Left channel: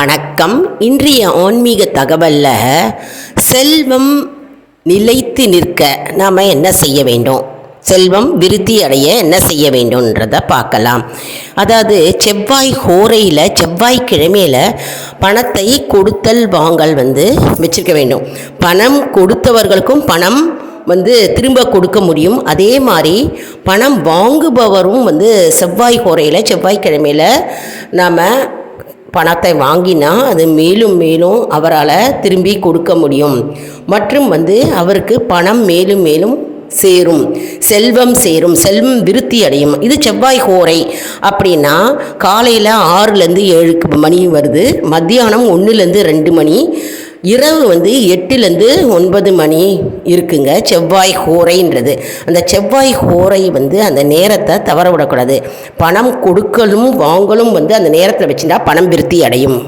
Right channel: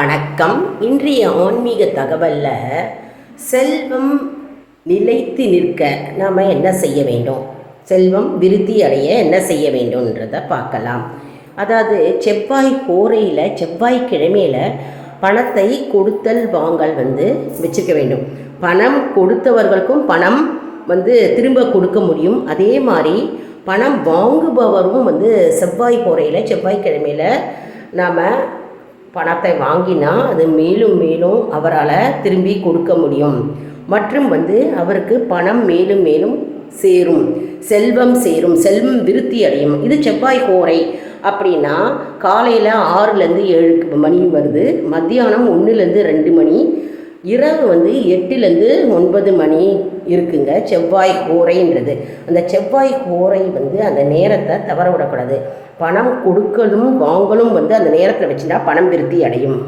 வணக்கம். இன்றைய ஆன்மீக தகவலில் செல்வம் நிலைத்து நிற்க நாம் என்ன செய்ய வேண்டும், செல்வம் விருத்தி அடைய என்ன செய்ய வேண்டும்ன்றதை பார்க்கலாம். அதாவது செவ்வாய் ஹோரையில் செவ்வாய்க்கிழமையில் பணத்தை கொடுத்தல் வாங்கல் வச்சுருக்க வேண்டும். பணம் கொடுத்தவர்களுக்கும் பணம் திரும்ப கொடுக்க முடியும். அதே மாதிரி பணம் வாங்குபவரும் செவ்வாய் ஹோரையில் செவ்வாய்க்கிழமையில் நாம் பணத்தை வாங்கினா அது மேலும் மேலும் அவரால் திரும்பி கொடுக்க முடியும். மற்றும் அவருக்கு பணம் மேலும் மேலும் சேரும், செல்வம் சேரும், செல்வம் விருத்தி அடையும். இது செவ்வாய் ஹோரை அப்படின்னா காலையில் 6லேருந்து 7 மணி வருது, மத்தியானம் 1லேருந்து 2 மணி, இரவு 8லேருந்து 9 மணி இருக்குங்க செவ்வாய் ஹோரைன்றது. அந்த செவ்வாய் ஹோரை அந்த நேரத்தை தவற விடக்கூடாது. பணம் கொடுக்கலும் வாங்கலும் அந்த நேரத்தில் வச்சுட்டா பணம் விருத்தி அடையும்.